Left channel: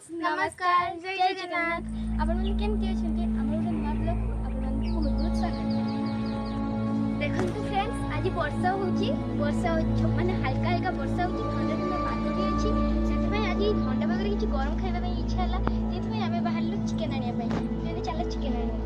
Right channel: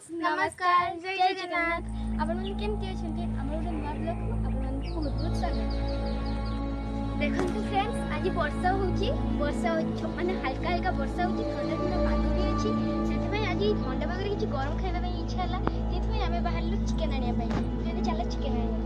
Friends नमस्कार जय जगन्नाथ आपण मन केमती अछंती हमर गोटे नवा ब्लॉग को आपण मन बहुत बहुत स्वागत। देखंतु फ्रेंड्स आज वर्षा होची माने हल्का हल्का वर्षा होची ठंडा ठंडा पाग भी अछि सेति में आज ठंडा पाग रे किछि गरम खाइबा पई इच्छा हला सेति में हमें बाहर लो चिकन आनिया पई जेने चला चिकन आनिया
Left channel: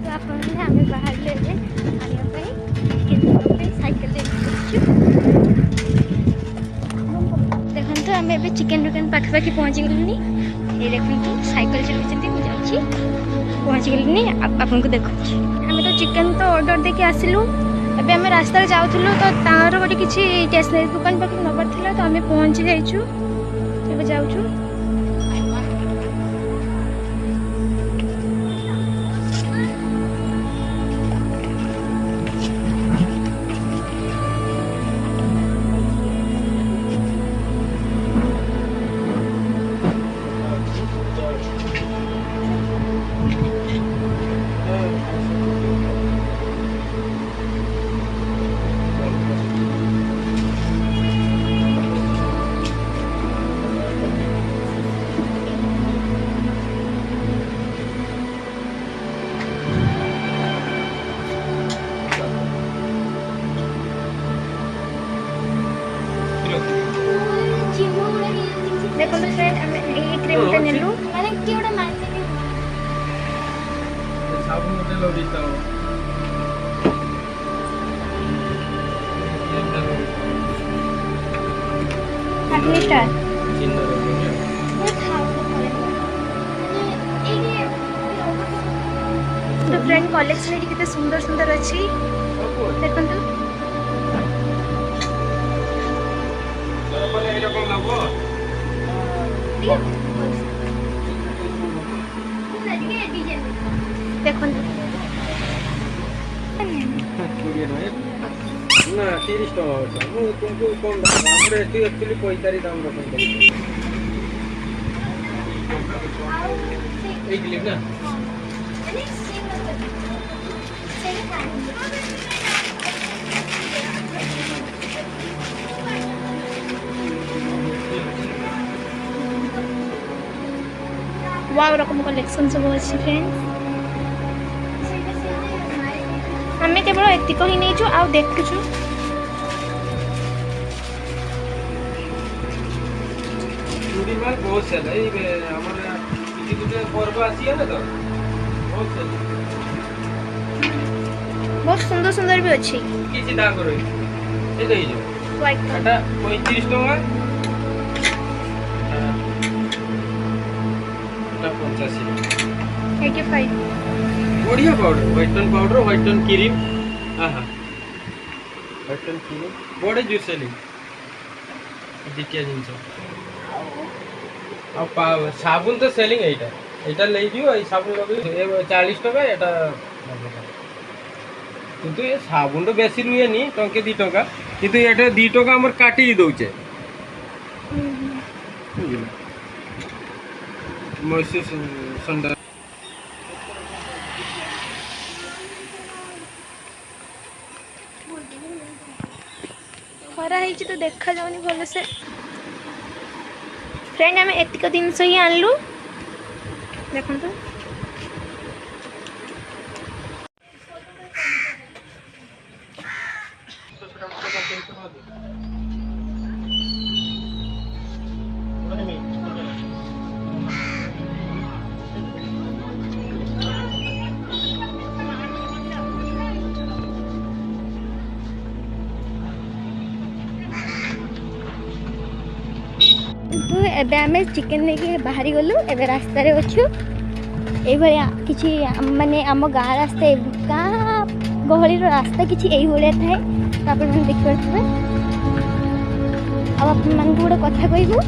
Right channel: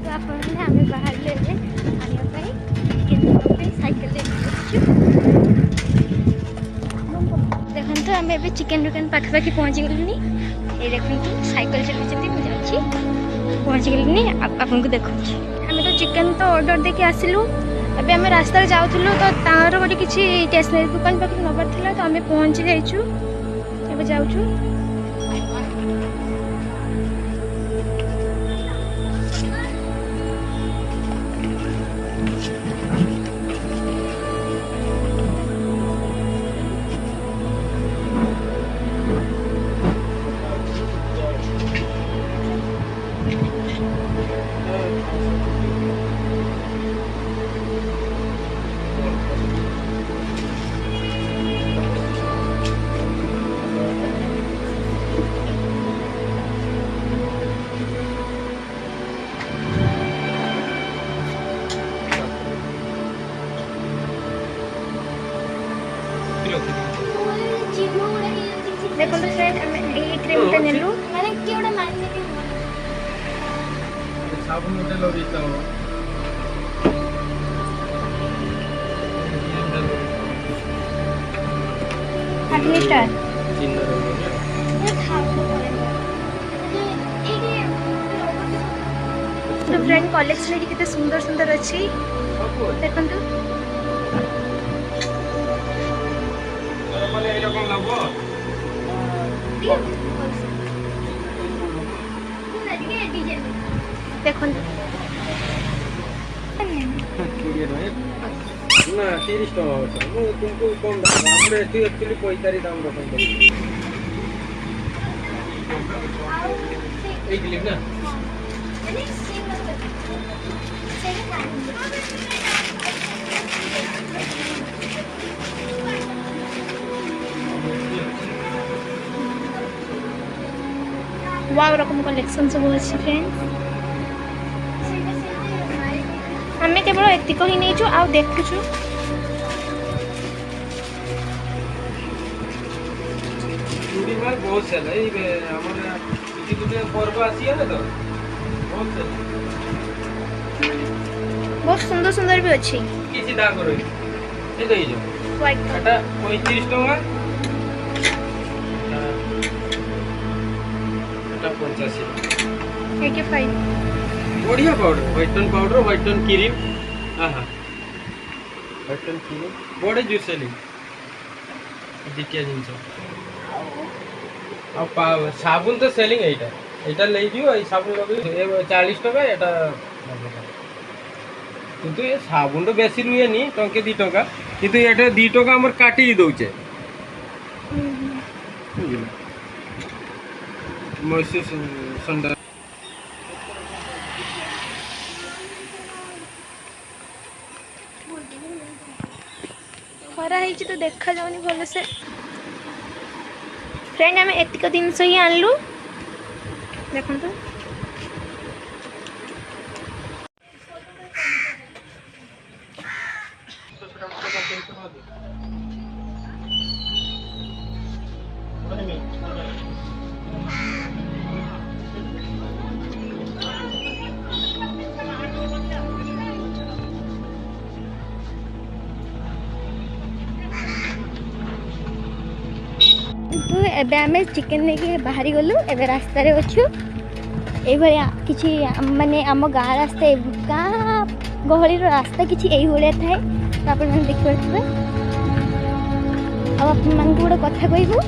तो आपण ने हमें बाहर ले जे आनिया पई चिकन पे साइकिल ले छु। देखो आम ए चिकेन दुकान पाखापाखि पहुँची गलुनी ये देखो साइकिल चलुँच मुझे पहुँची गलुनी आपको देखा आम तो चिकेन तो ऑर्डर देके आसिलु एबे आम रास्ता जाऊँ तो तार गोटे किसी स्टेशनरी दुकान पाखे नबार था तो आम पहुँची जाइछु एबे जाऊँ। देखो तो फ्रेंड हम क्रीम पे नेलु माने केवडा मानने के साबुन मोटे लगिता हो अपनी स्टार चिन्ह रंग ये खाओ पड़ेगा ये तो फ्रेंड कलेक्शन कितने सुंदर सुंदर अच्छी देखो तो बोले एरकम लगो देखो ना 30 टका होता मु तुमको कम दाम हमरे एती एक्चुअली 45 दाम रखन एक क्लिप ना वाव रकम कलेक्शन सब अच्छी फ्रेंड्स हमें केवल एतिक ही नहीं आ देखु चूड़ी माल बहुत सेल है हमर किसी किसी पर्व आसी है ना तो बहुत सेल बहुत सुंदर सुंदर भी अच्छी किसी दाग रही ए दई जो व्हाइट एटा 35 टका एटा 85 85 बढ़िया पाउडर व्हाइट टोन क्रीम हां व्हाइट टोन क्रीम बड़े जूस सेली दिकिया जिंस अब साबुन तो सेलिंग एटा ले दियो ए साबुन लगे 40 टका एटा किंतु ये साबुन तो बेसी रुए नी टंके 2 टका किंतु एटा 2 टका हमर काटी दउचे मॉइस्चर संडा खरा है तो देखा जाऊनी भल से फ्रेंड आम एतिक जिनस ही आनलु देखो तो तो एबे आमे चिकन लेके बाहरी गलु एबे रास्ता रे अछु ए भलिया किछि माने हम गाँ रास्ता गाँ गहली रो रास्ता किछि एई होले थाए तो आपण मन देख परथबे अब आपण मन को गोटे कथा कहबो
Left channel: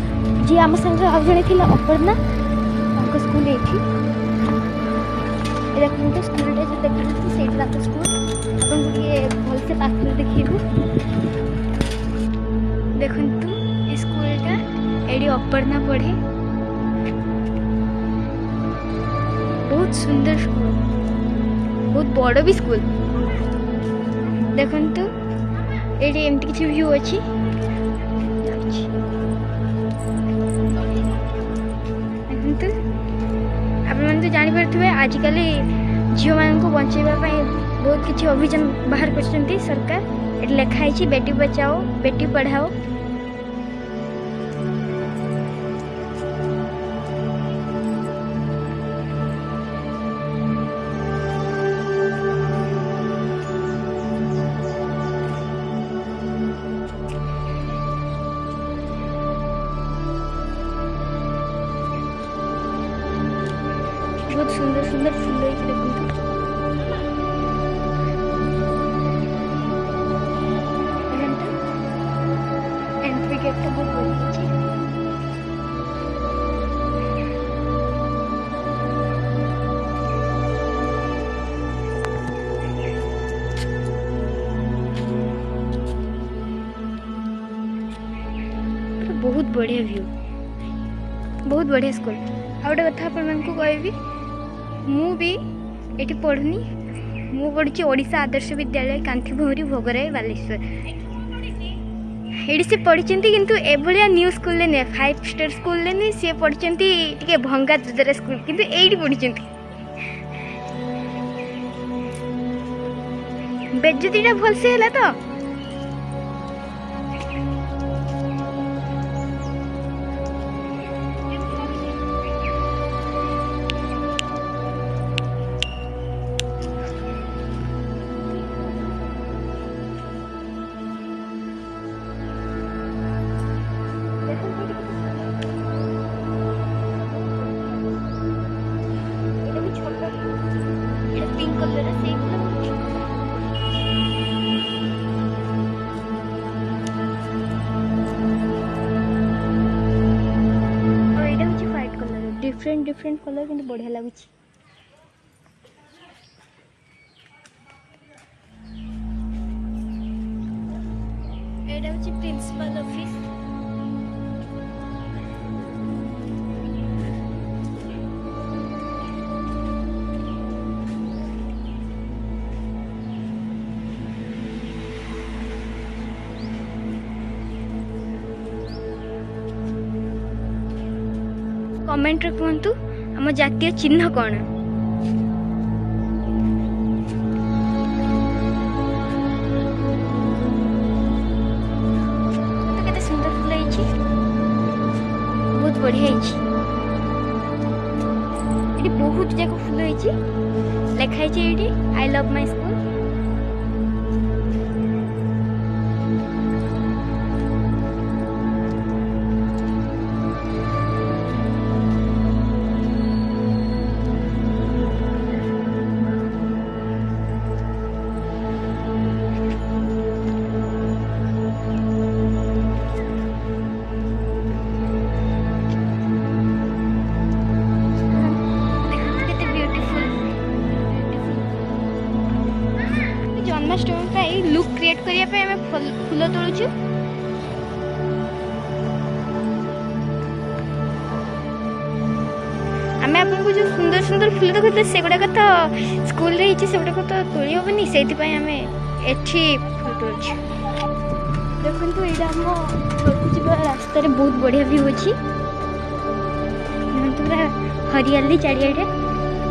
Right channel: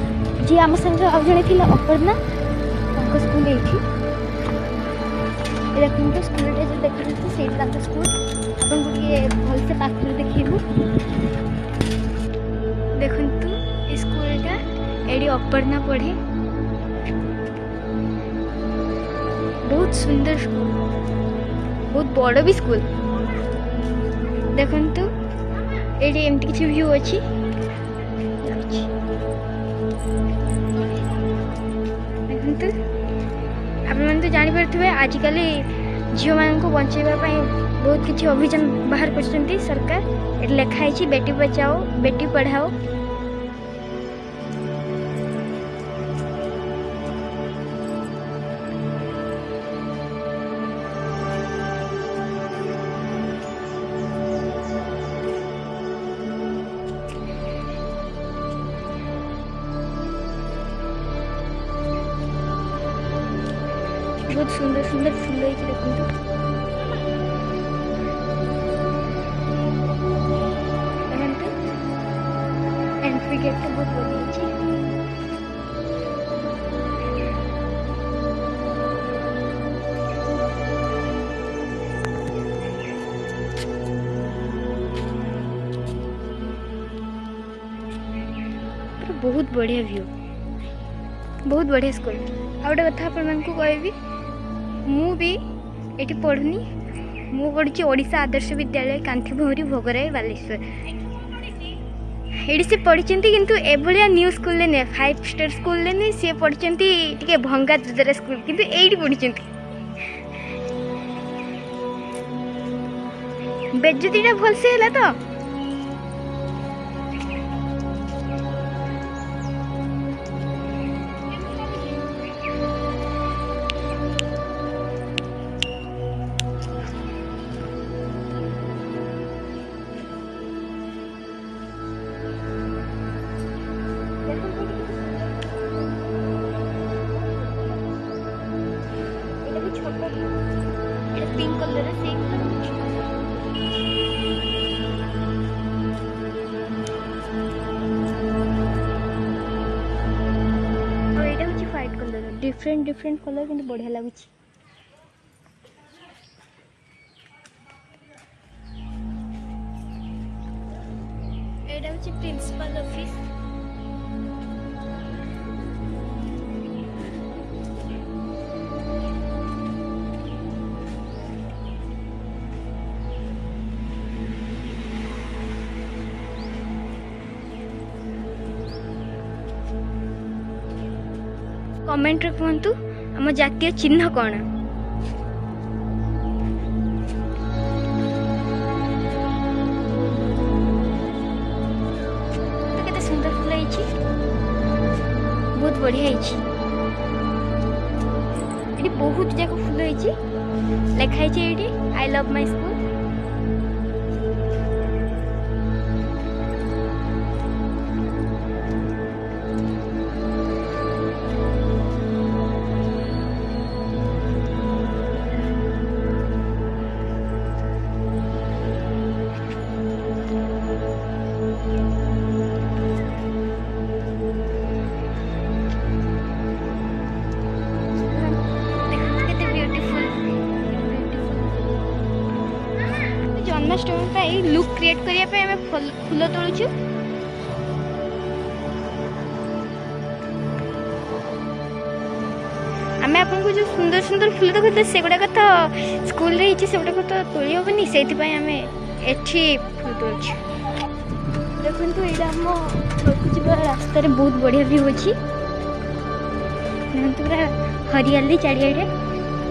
जी हम संग आ जणे थिला अपर्णा ताको स्कूल एठी ए देखन तो स्कूल रे जे देखन तो सेट ताको स्कूल आपण गुडिए भल से पाखरे देखिबो देखन तो स्कूल का एडी अपर्णा पढ़े बहुत सुंदर स्कूल बहुत बड़ भी स्कूल देखन तो एडी एमती किछि व्यू अछि देखंतु आपण मन तो जानि परथबे आजिकल झियो मान को बचाइबा पई बहुत किछि अभियान बाहर करछन्ती सरकार। एट लिखा है बेटी बचाओ बेटी पढ़ाओ। बहुत सुंदर सुंदर फूल है देखो एंट्री गेट तो बहुत बढ़िया है। बहुत बढ़िया व्यू बहुत बढ़िया स्कूल। आ गोटे कथा आपन को कहबी मु भी एटी पढ़ुनी मु पढ़ुची ओडिशा आदर्श विद्यालय कांथीभौरी भोगराई बालेश्वर। एडी से पढ़ी किंतु एभलिया न्यू स्कूल ले ने 5 स्टार स्कूल ले ने से पढ़ी टिके भंगा दुदरा स्कूल किंतु एडी पढ़ी बेज्जतीटा भल से हला तो पिंक कलर है सेम कलर पिंक कलर। और एटा होची white colour different different colour किंतु बढ़िया लागुची। एटा होची प्रिंसिपल ऑफिस। कमेंट रे कहतु आम जातीय चिन्ह कौन। तो केते सुंदर फूल है बहुत बढ़िया है। ये बहुत जाक फूल है लिखाई ये I love my school. Janmashtami look create करने फूल तोलुचु। आम आपको जो सुंदर सुंदर फूल देखते से गुड़ाक तो स्कूल से गुड़ाक तो तोली हेनी से एठी फूल तोलुचु। देखो ये आम घर को रास्ता बहुत बढ़िया व्यू अच्छी पूरा हरियाली चारिआडे।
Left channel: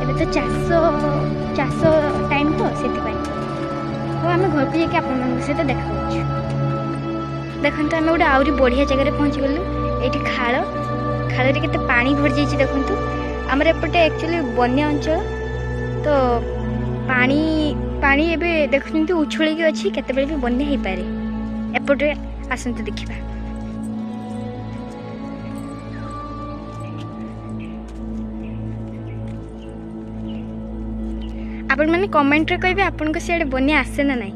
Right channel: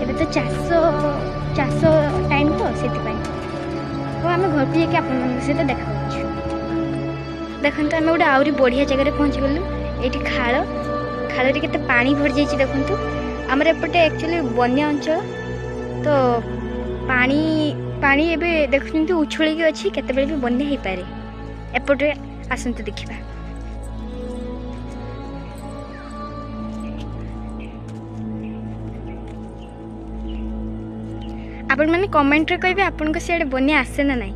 एबे तो चाष टाइम तो से तो आम घर को जाके आप सहित देखा देखो आम गोटे आहरी बढ़िया जगह पहुँची गलु। ये खाल खाल के पानी भर जाइए देखु आमर एपटे एक्चुअली बन्या अंचल तो पानी पानी एबे देखुं उछल अच्छी केते भी बन्या हो पारे। एपटे आसतु देखा आपण मैंने कमेंट रे कहबे आपन को सियाडे बन्या आसे ना नहीं।